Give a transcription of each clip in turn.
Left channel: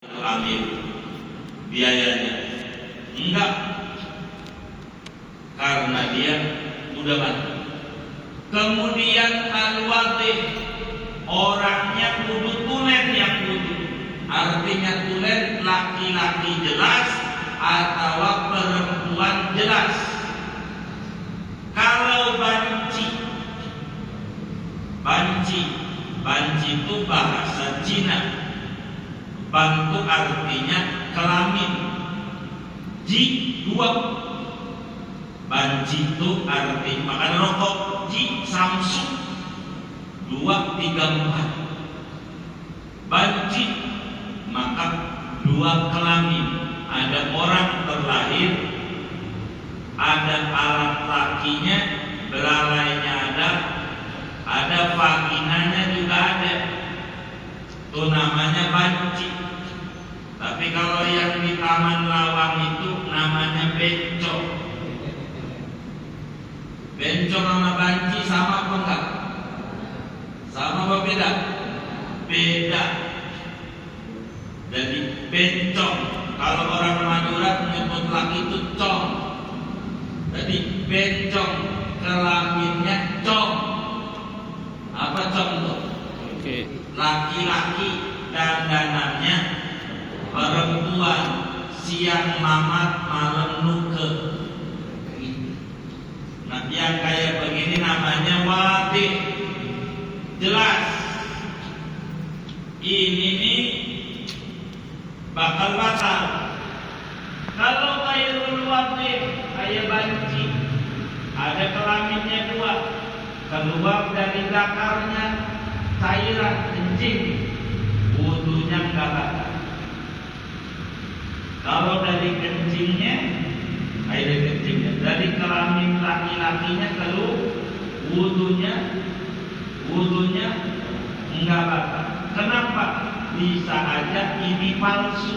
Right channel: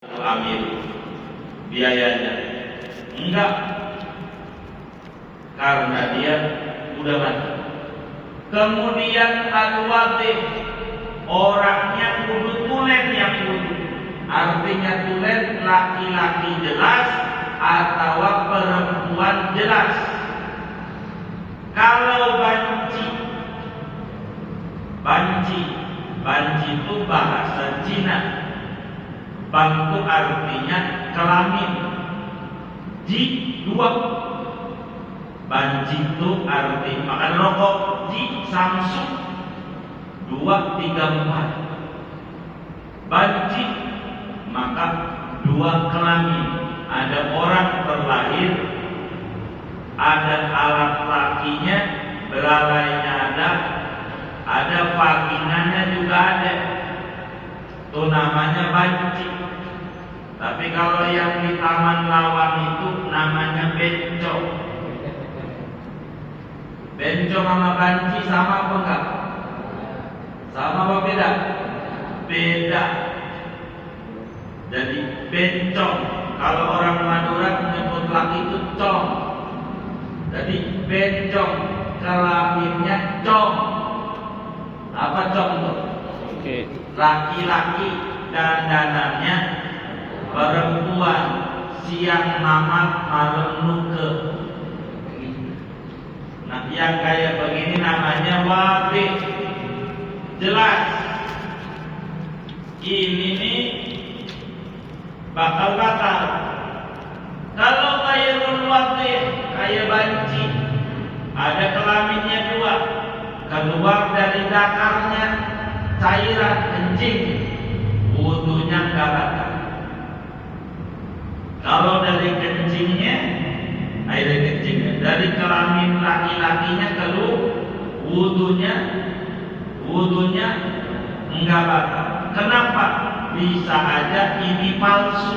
ambil biayanya. Enggak, karena dia udah mati. Kemudian al-wadih, orangnya kudu tulen yang kudu. Artinya tulen laki-laki jelas atau perempuan jelas. Kalau banci itu bahasa Cina. Ban itu artinya kelamin. Ji dua. Banci itu artinya makan rokok. Ji Samsung 234. Banci maka dua kelamin. Ada orang terlahir, ada alat lakinya, belalainya ada vaginanya juga ada. Itu namanya banci. Tapi kalau yang di Taman Lawang itu namanya bencong. Bencong sama banci sama apa enggak? Sama apa beda? Beda. Jadi bencong, kalau orang Madura menyebut laki itu cong. Jadi bencong, kelaminnya cong. Apa cong tuh? Laki-laki, dandanannya perempuan, siang mamat malam nuke. Nah, yang kayak begini namanya wadih, jelas. Ini nih bakal. Kalau kayak wadih, kayak banci, ada kelaminnya dua, keluar dari dakarnya cairan kencing, wudunya enggak batal. Kalau dari kencingnya, air kencingnya, dari kelamin laki-lakinya keluar, wudunya enggak batal. Kenapa? Bisa aja ini palsu,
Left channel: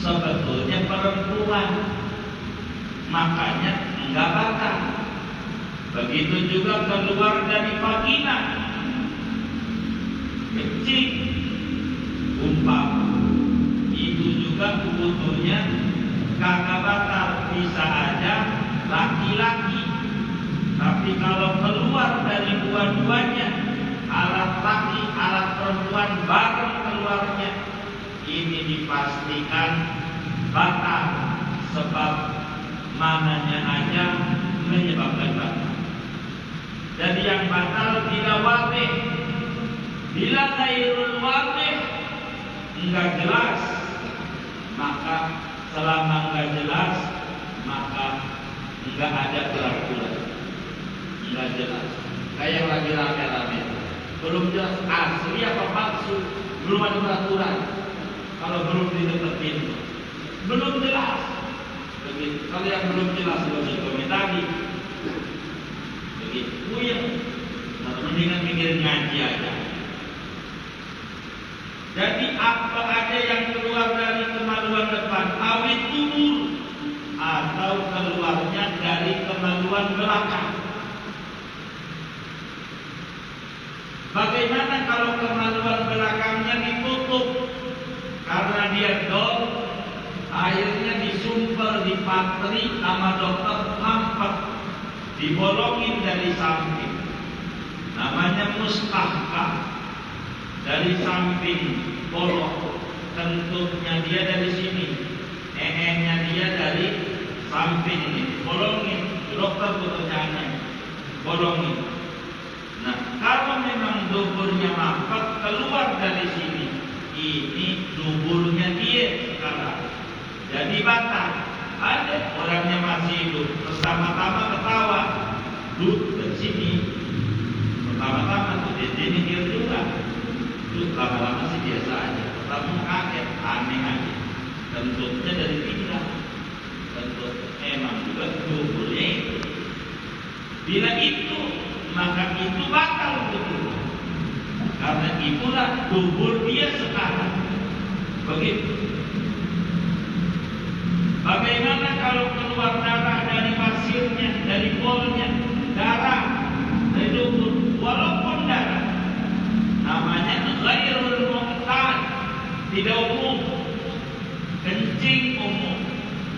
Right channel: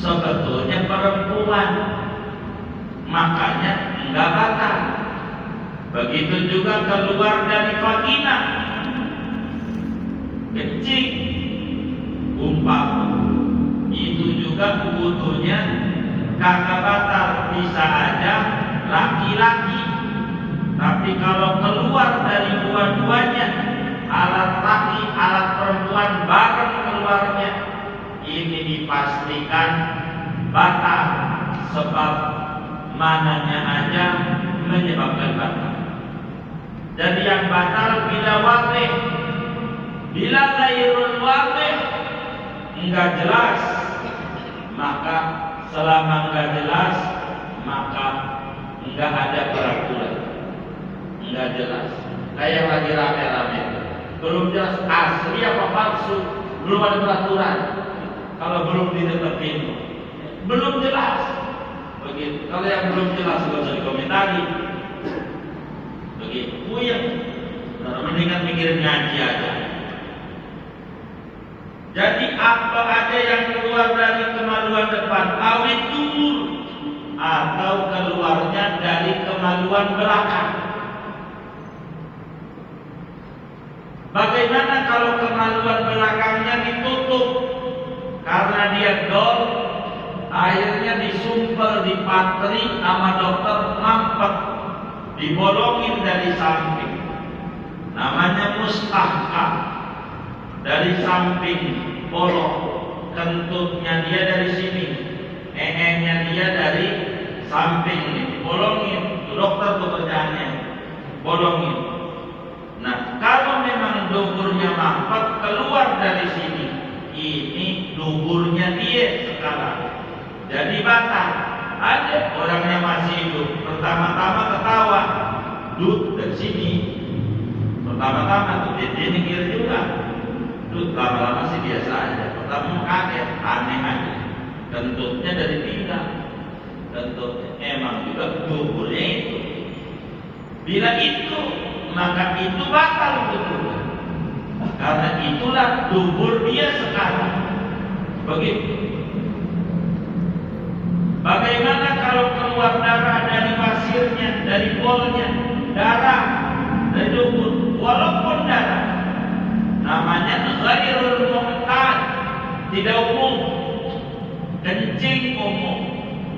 sebetulnya perempuan, makanya enggak batal. Begitu juga keluar dari vagina, kencing, umpama, itu juga wudunya kagak batal. Bisa aja laki-laki, tapi kalau keluar dari dua-duanya, alat laki, alat perempuan bareng keluarnya, ini dipastikan batal. Sebab mananya aja menyebabkan batal. Jadi yang batal bila wadih. Bila ghairul wadih, enggak jelas, maka selama enggak jelas, maka enggak ada peraturan. Enggak jelas. Kayak lagi rame-rame, belum jelas asli apa palsu, belum ada peraturan. Kalau belum dideketin, belum jelas. Begitu. Kalau yang belum jelas belum dikomentari, begitu. Ya, mendingan mikirin ngaji aja. Jadi apa ada yang keluar dari kemaluan depan, awet dubur, atau keluarnya dari kemaluan belakang. Bagaimana kalau kemaluan belakangnya ditutup karena dia dol, airnya disumpel, dipatri sama dokter, mampet, dibolongin dari samping. Namanya mustahkam. Dari samping bolong, kentutnya dia dari sini, nya dia dari samping ini, bolongin. Dokter pekerjaannya bolongin. Nah, kalau memang duburnya mampet keluar dari sini, ini duburnya dia sekarang, jadi batal. Ada orangnya masih hidup, pertama-tama ketawa, duduk dari sini, pertama-tama tuh dia ini kira juga. Lama-lama sih biasa aja. Pertama kaget, aneh aja. Kentutnya dari pinggang, kentut emang juga duburnya itu. Bila itu, maka itu batal betul. Karena itulah dubur dia sekarang. Begitu. Bagaimana kalau keluar darah dari pasirnya, dari bolnya, darah dari dubur, walaupun darah, namanya ghairul mu'tad, tidak umum, kencing umum,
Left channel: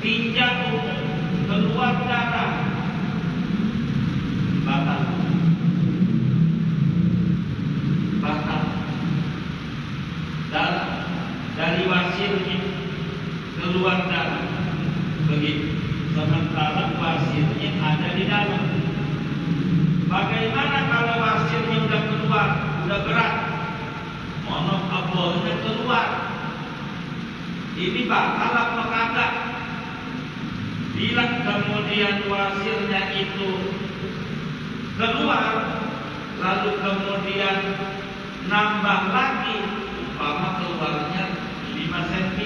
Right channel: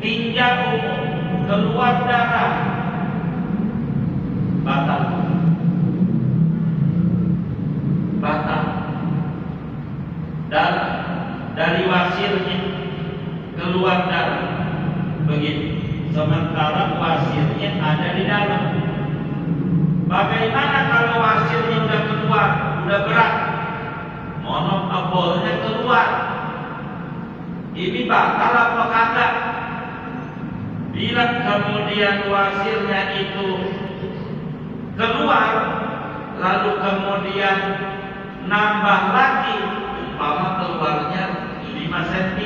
tinja umum, keluar darah, batal. Batal. Darah dari wasirnya keluar darah, begitu. Sementara wasirnya ada di dalam. Bagaimana kalau wasirnya udah keluar, udah berat, monokabolnya keluar? Ini batal apa kagak? Bila kemudian wasirnya itu keluar, lalu kemudian nambah lagi, umpama keluarnya 5 cm,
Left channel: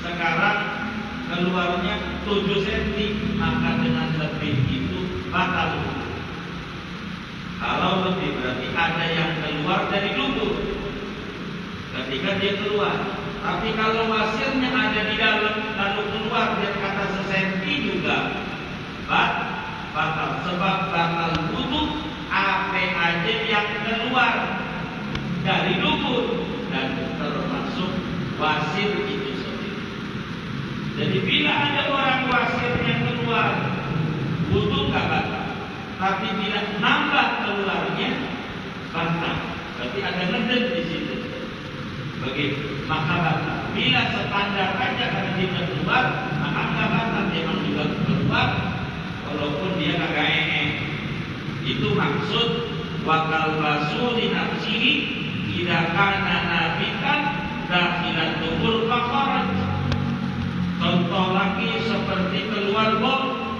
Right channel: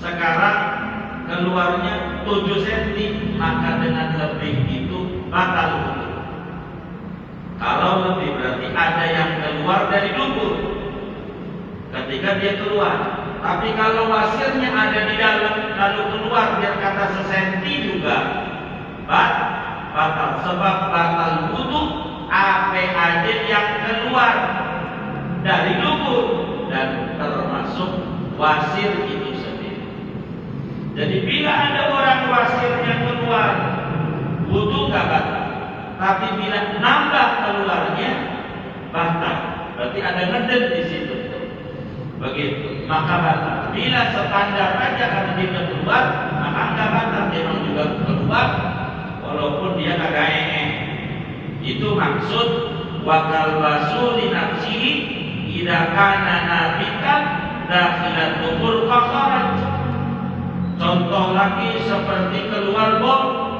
sekarang keluarnya 7 cm, maka dengan lebih itu batal. Kalau lebih berarti ada yang keluar dari dubur ketika dia keluar. Tapi kalau wasirnya ada di dalam lalu keluar dia kata sesenti juga batal. Sebab batal wudu apa aja yang keluar dari dubur dan termasuk wasir itu sendiri. Jadi bila ada orang wasirnya keluar, wudu gak batal. Tapi bila nambah keluarnya batal. Berarti ada ngedek di situ. Begitu, maka batal. Bila standar aja kalau dia keluar, maka enggak batal. Memang juga keluar, walaupun dia kagak Itu maksud wakal basuri nafsihi idza kana nabikan dakhilat tubur faqarat. Contoh lagi seperti keluar bol.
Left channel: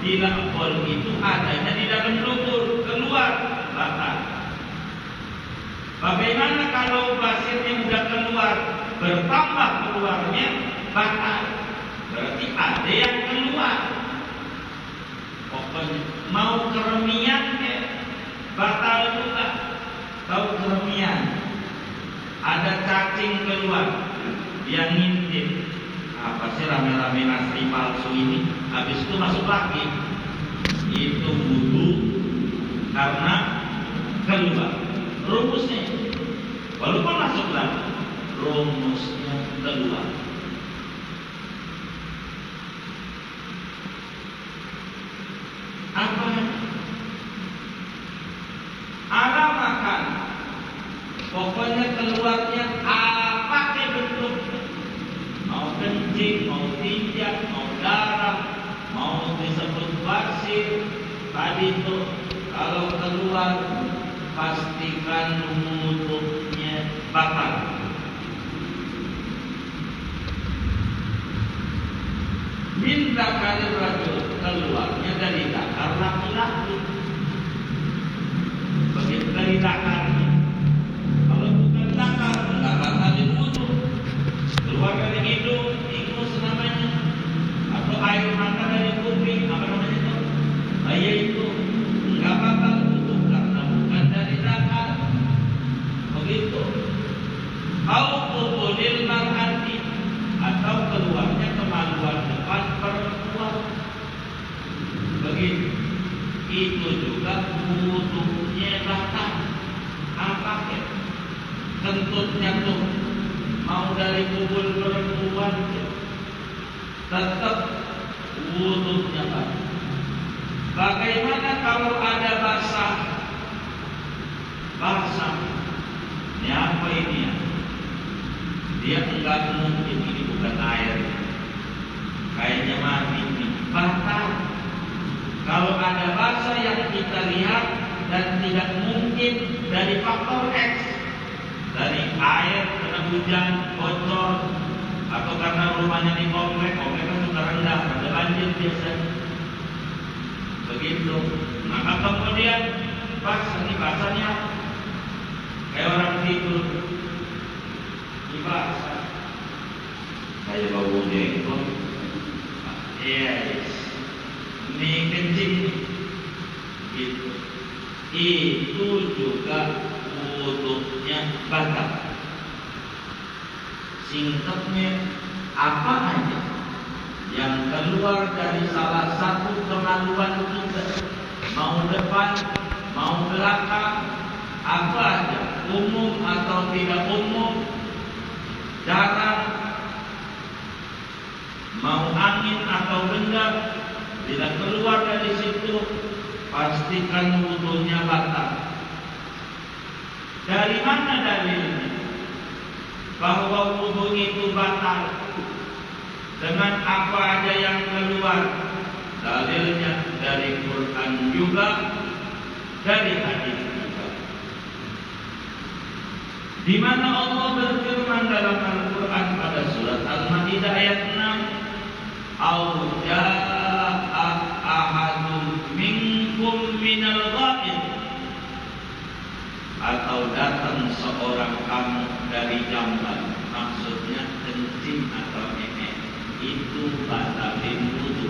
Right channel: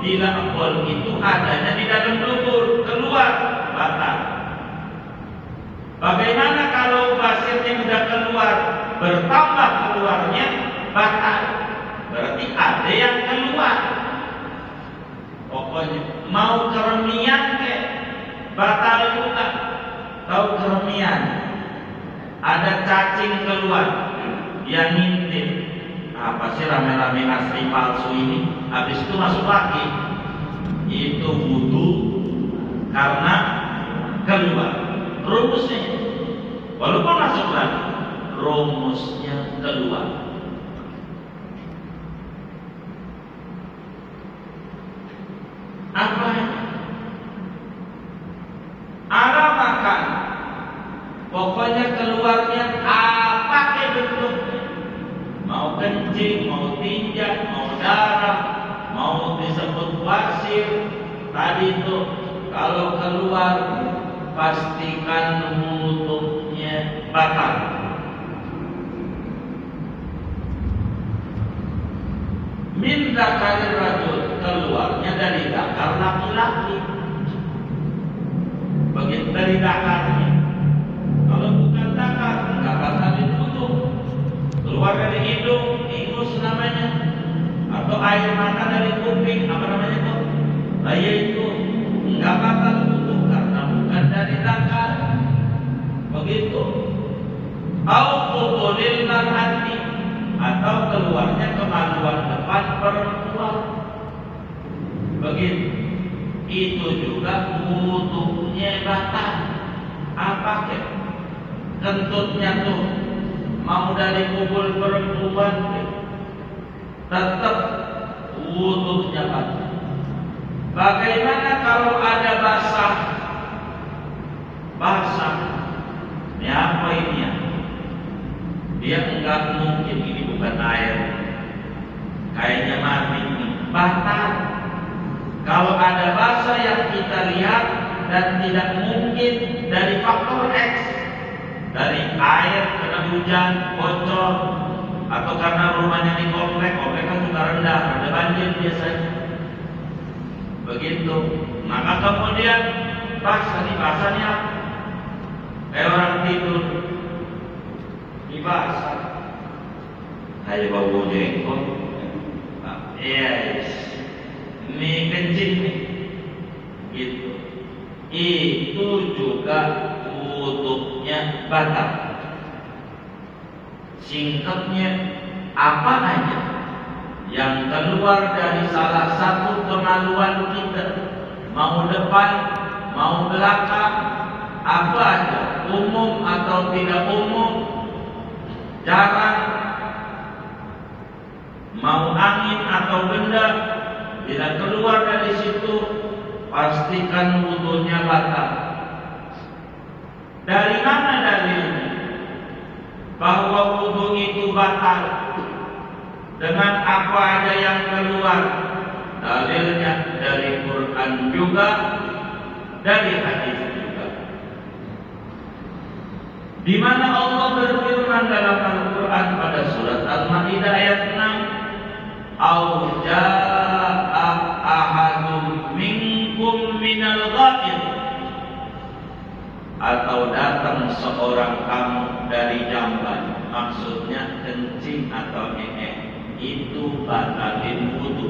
Bila bol itu adanya di dalam dubur, keluar batal. Bagaimana kalau basirnya sudah keluar, bertambah keluarnya batal? Berarti ada yang keluar. Pokoknya mau keremian ke batal juga. Tahu keremian? Ada cacing keluar, dia ngintip. Apa sih rame-rame asli palsu ini? Habis itu masuk lagi. Itu wudu karena keluar. Rumusnya, walaupun masuk lagi, rumusnya keluar. Apa? Arah makan. Pokoknya keluarnya apa ke bentuknya? Mau kencing, mau tinja, mau darah, mau disebut wasir. Tadi itu kalau keluar pastikan wudhunya batal. Min dzakarir rajul, keluarnya dari zakar laki-laki. Begitu dari zakarnya. Kalau bukan zakar, enggak batalin wudhu. Keluar dari hidung, ingus namanya. Atau air mata dari kuping, apa namanya itu? Yaitu enggak batal wudhu karena bukan dari zakar. Begitu. Al-qubulil mar'ati, atau keluarnya kemaluan depan perempuan. Begitu. Itu juga wudhunya batal. Apa ya? Kentutnya tuh mau dari kubul perempuan tetap wudhunya batal. Bagaimana kalau ada basah? Ini apa ini ya? Dia enggak mungkin ini bukan air. Airnya mati ini. Batal. Kalau ada basah yang kita lihat dan tidak mungkin dari faktor X, dari air, kena hujan, bocor, atau karena rumahnya di komplek kan sudah rendah, ada banjir biasanya. Begitu. Maka kemudian basahnya kayak orang tidur di basah. Kayak bau dengkot. Yes. Ini kencing nih. Gitu. Itu juga wudhunya batal. Singkatnya apa aja yang keluar dari salah satu kemaluan kita, mau depan, mau belakang, apa aja, umum atau tidak umum, jarang mau angin atau benda, bila keluar dari situ pastikan wudunya batal. Dari mana dalilnya bahwa wudu itu batal? Dengan apa ada yang keluar? Dalilnya dari Quran juga, dari hadis juga. Di mana Allah berfirman dalam Al-Quran pada surat Al-Maidah ayat 6, "Au jaa'a ahadun minkum minal ghaid," atau datang seorang kamu dari jamban, maksudnya kencing atau ngehe, itu batalin wudu.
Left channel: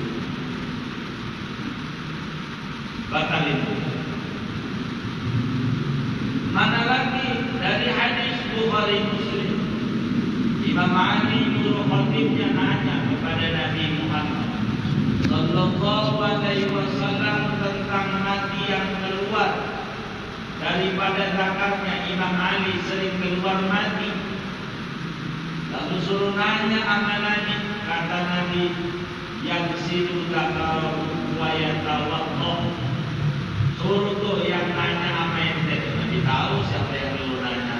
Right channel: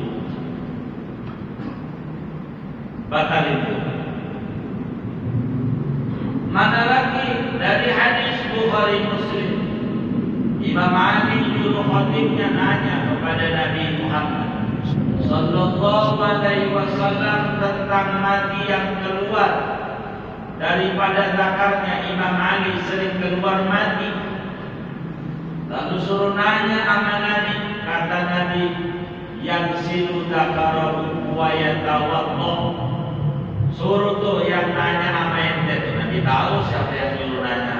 Batalin wudu. Mana lagi dari hadis Bukhari Muslim, Imam Ali juru khatibnya nanya kepada Nabi Muhammad sallallahu alaihi wasallam tentang mati yang keluar daripada zakarnya. Imam Ali sering keluar mati. Lalu suruh nanya sama Nabi, kata Nabi, yang silu zakarahu wa yatawaddo. Suruh tuh yang nanya sama ente. Nabi tahu siapa yang dulu nanya.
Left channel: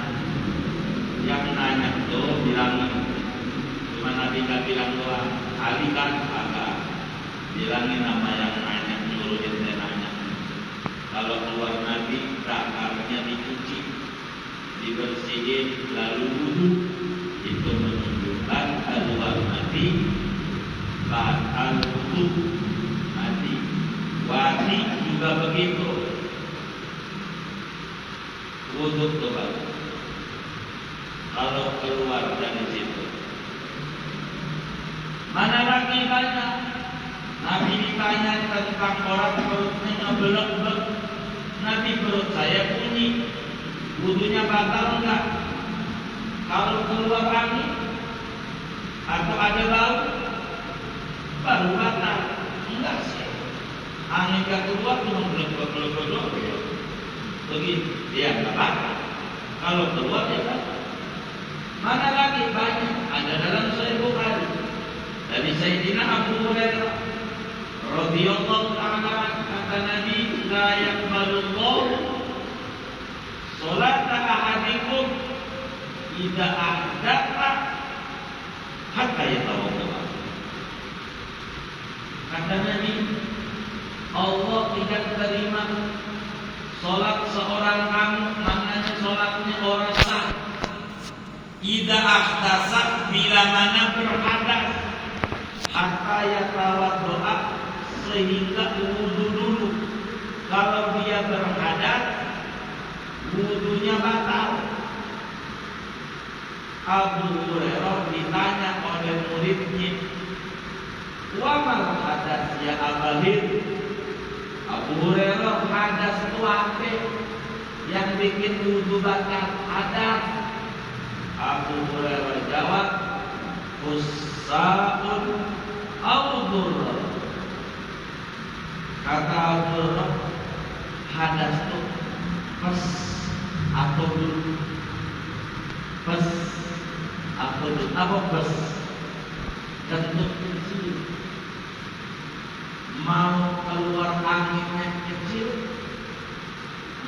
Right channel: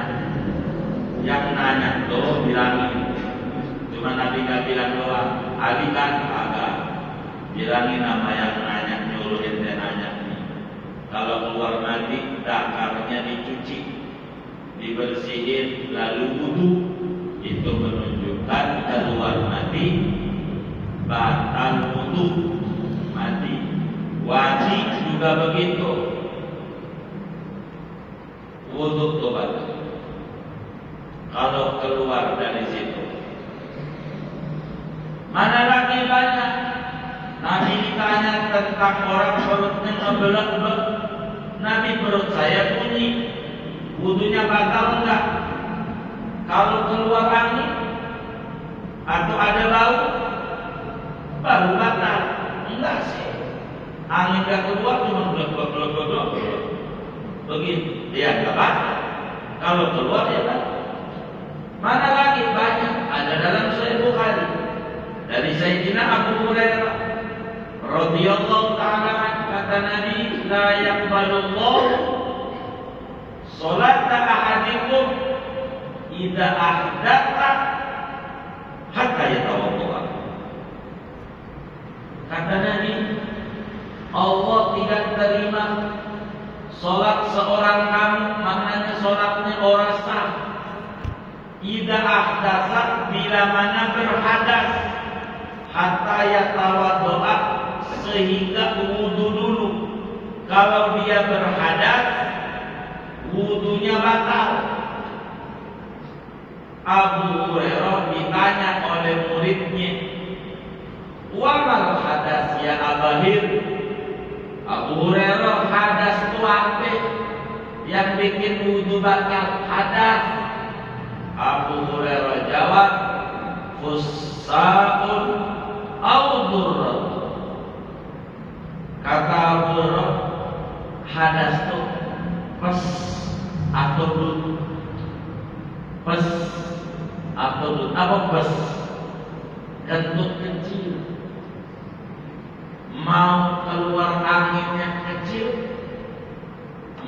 Yang nanya tuh bilangin. Cuma Nabi gak bilang doang. Ali kan agak bilangin nama yang nanya, nyuruh ente nanya. Kalau keluar mati, zakarnya dicuci, dibersihin, lalu wudu. Itu menunjukkan keluar mati batal wudu. Mati wajib juga begitu, wudu tobat kalau keluar dari situ. Mana lagi banyak. Nabi ditanya tentang orang perutnya ngebelek-belek. Nabi, perut saya bunyi, wudunya batal enggak? Kalau keluar angin atau ada bau, baru batal. Enggak sih, angin gak keluar, cuma belek-belek doang. Begitu, ya enggak batal. Kalau keluar ya batal. Mana lagi banyak. Ada dalam Sahih Bukhari dari Sayyidina Abu Hurairah radhiyallahu ta'ala, kata Nabi, la yaqbalullahu sholata ahadikum idza ahdatha hatta yatawadda. Kata Nabi, Allah tidak terima sholat seorang kamu, maknanya sholatnya orang sah, idza ahdatsa, bila mana berhadas, hatta yatawadda, sehingga wudu dulu. Kalau dia berhadas, wudunya batal. Abu Hurairah ditanya oleh muridnya, wa mal hadas ya Abahir? Abu Hurairah, hadas itu apa yang bikin wudu batal? Hadas. Abu Hurairah jawab, fussaun au durr. Kata Abu Hurairah, hadas itu pes atau dur. Pes atau dur. Apa pes? Kentut kecil. Mau keluar anginnya kecil,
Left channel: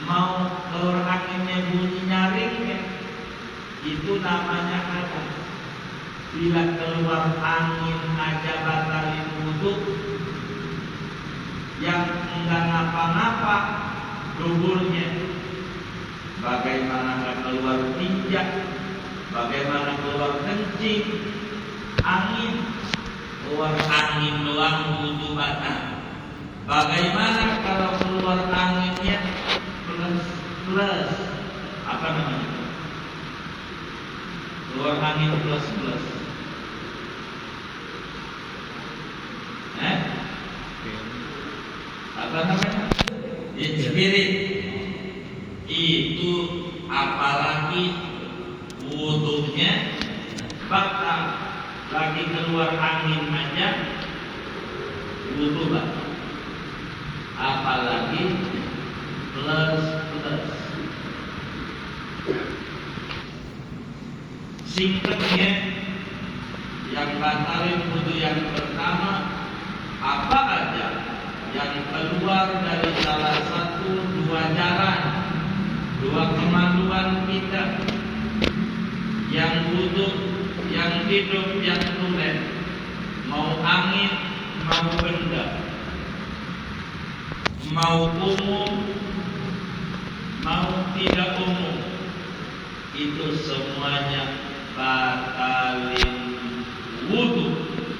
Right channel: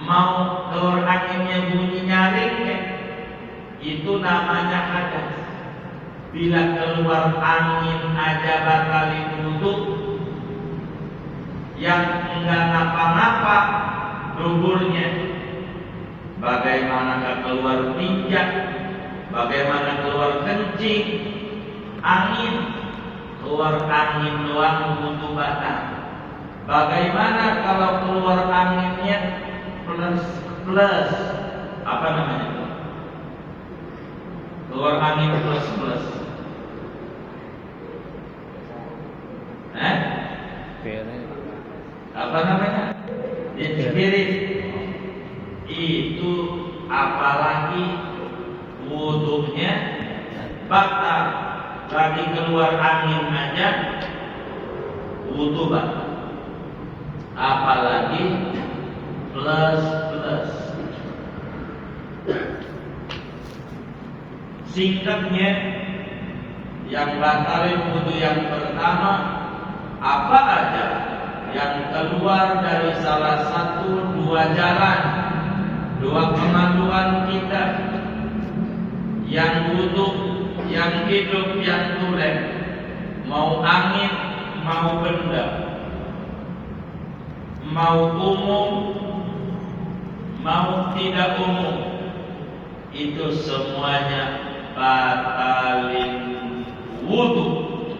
mau keluar anginnya bunyi nyaring, itu namanya hadas. Bila keluar angin aja batalin wudu, yang enggak ngapa-ngapa duburnya. Bagaimana keluar tinjak, bagaimana keluar kencing, angin, keluar angin doang wudu batal. Bagaimana kalau keluar anginnya plus apa namanya? Keluar angin plus. Apa namanya? Spirit. Itu apalagi wudunya batal. Lagi keluar angin aja wudu batal. Apalagi plus. singkatnya yang batalin wudu yang pertama apa aja yang keluar dari salah satu dua jalan, dua kemaluan kita, yang wudu, yang hidup, yang tulen, mau angin, mau benda, mau umum, mau tidak umum, itu semuanya batalin wudu.